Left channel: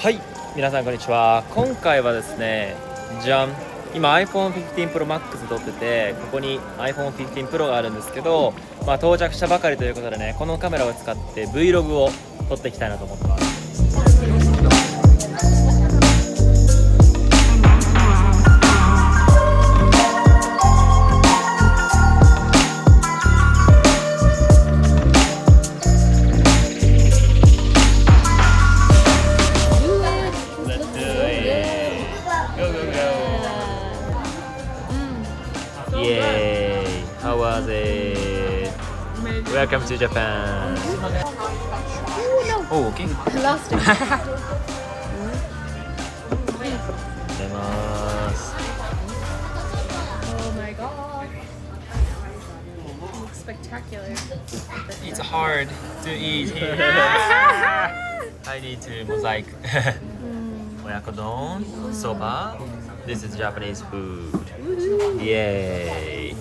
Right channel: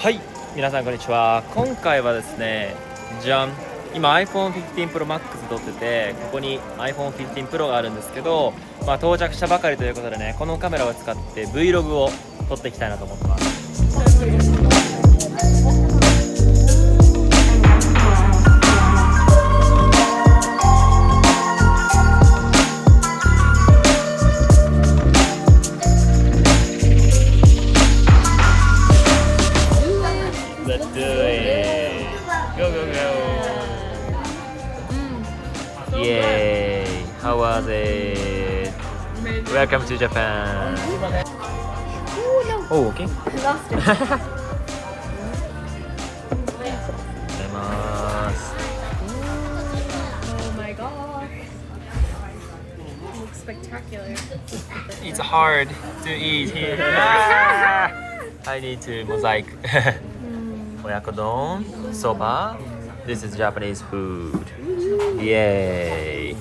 はい、皆さんこんにちは。今回はですね、じゃん、今 iPhone 15 Pro Max 撮ってて、ここに iPhone 15 Pro があるんですけど、到着したばかりということでね、このカメラを使って Vlog を撮っていきたいなと思ってます。Yay! How was it? Welcome to Japan. Oh, okay. I lost it. ございます。 Oh my gosh. It looks spectacular. It's hard to eat here. I need to mosaic. 親子丼、そば。This is Japanese food. Yay!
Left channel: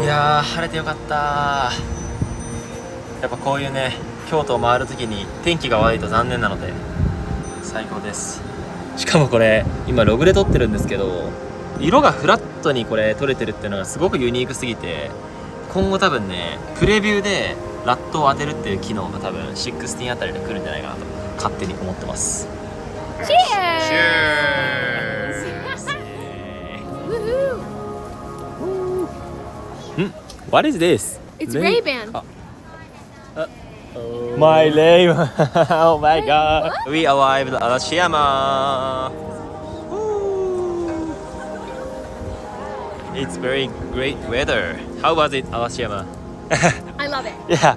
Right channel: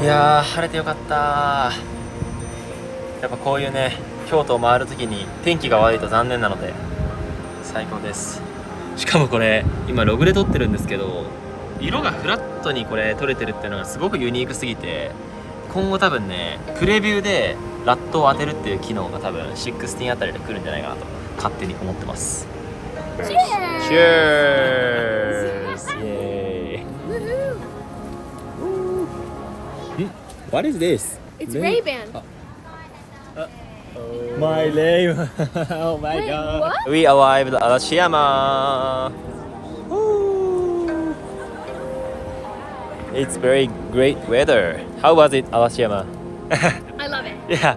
いやー、晴れてよかった。やっぱこういうね、京都を回るときに天気が悪いと残念なので最高です。しかもこれ今ログで撮ってるんですけど、色がフラットにこれ撮れてるっていうのがすごくユニークすぎて、今後多分ねプレビューでラットを当てるっていう機能が多分16あたりで来るんじゃないかなと勝手に思ってます。 Cheers! Cheers! Woohoo! What is this? It's Ray-Ban. My name. Oh my god. We arrived at Arashiyama. Woo. It's very great weather. How was it, Arashiyama? I love it. Yeah.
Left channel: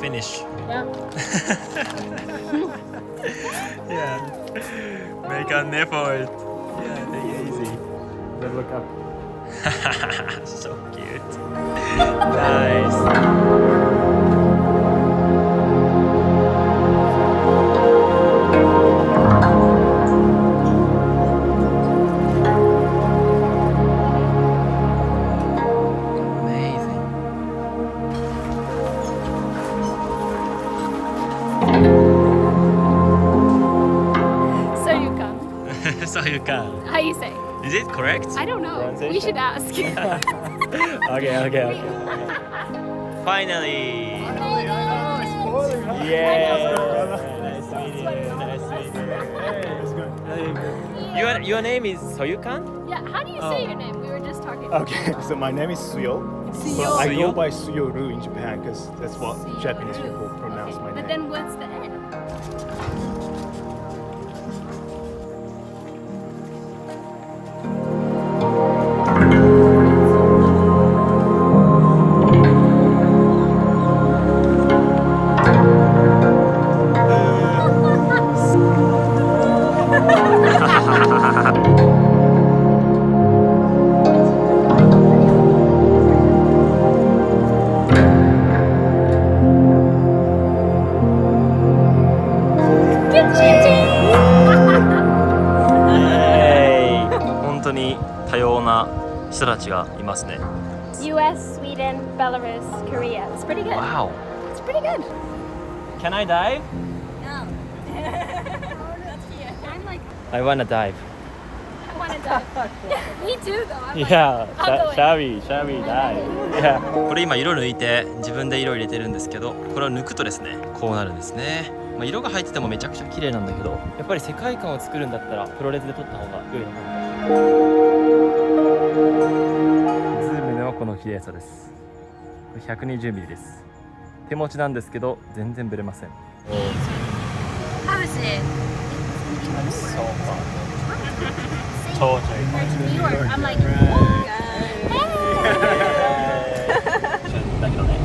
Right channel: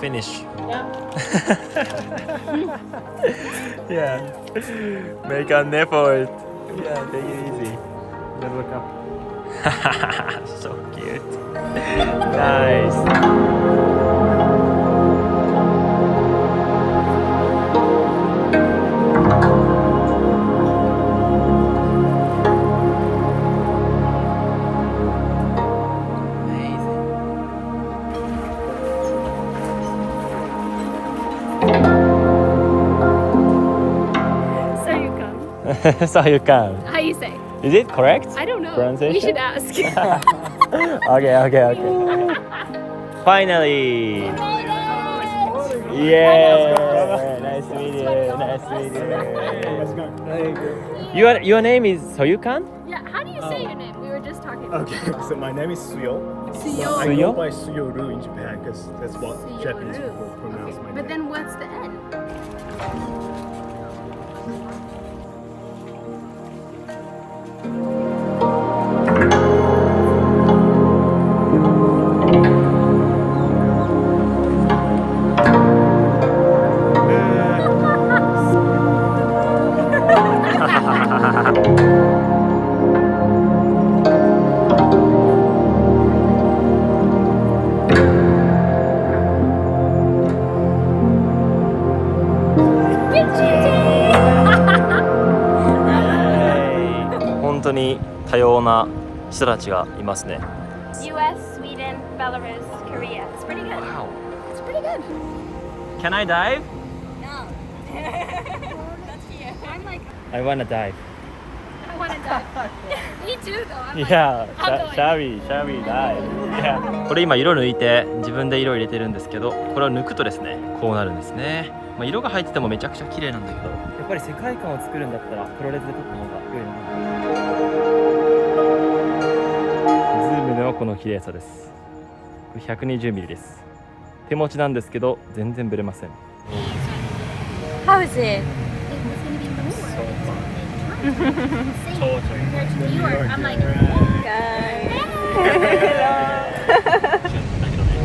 Finish. Yeah. Yeah. Make an effort. Yeah, take it easy. Don't look up. So cute. Nice. Amazing. So you come. So you can. How you say? Is it correct? I don't know. Pronunciation? We should ask. Okay. Finally. Yeah. Nice to meet you. Your name is Soyukan? Yeah, how do you say your name? We were just talking. Okay, so my name is Suyo. Suyo. I Suyo? go by Suyoru in Japan because that's what Japanese Suyoru. people pronounce my name. But then what's the N?本当に多様な人たちがいますね。 US, Sweden, Belarus, Korea. It's pretty good. Wow. It's pretty good. Can I dive? No. I'm like, I wanna dive. I want to Me too, though. いや、シャビーだい。これ今色抜いて自分で色入れてるんですけど、これを抜くとですね、こうなるんですね。まあ、色が入っててもめちゃくちゃ綺麗なんだけど、やっぱり世界観を作るんだったらプロレスで撮った方が良いのかな。ズームのこの綺麗さです。これ 120mm です。手持ちなんですけど全然ブレません。 How is it? So fun. Compared to New York, I'm like, hey. だけどね。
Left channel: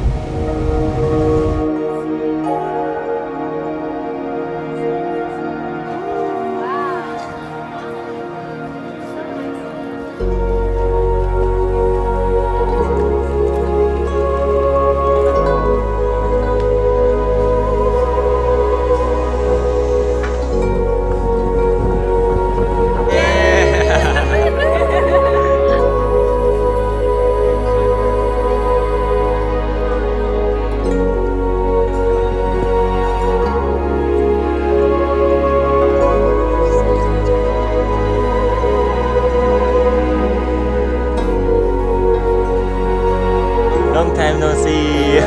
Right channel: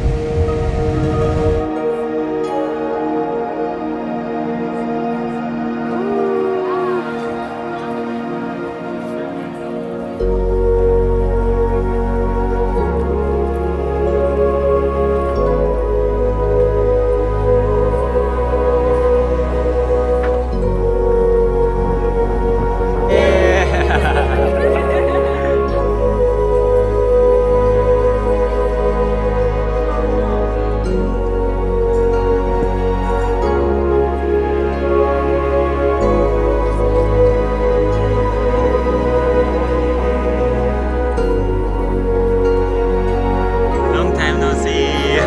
Long time no see.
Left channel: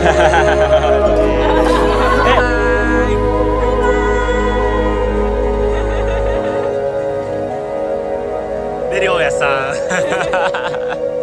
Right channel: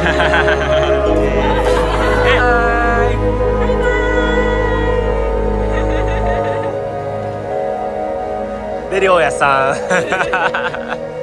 Hi. で、りょうやさん。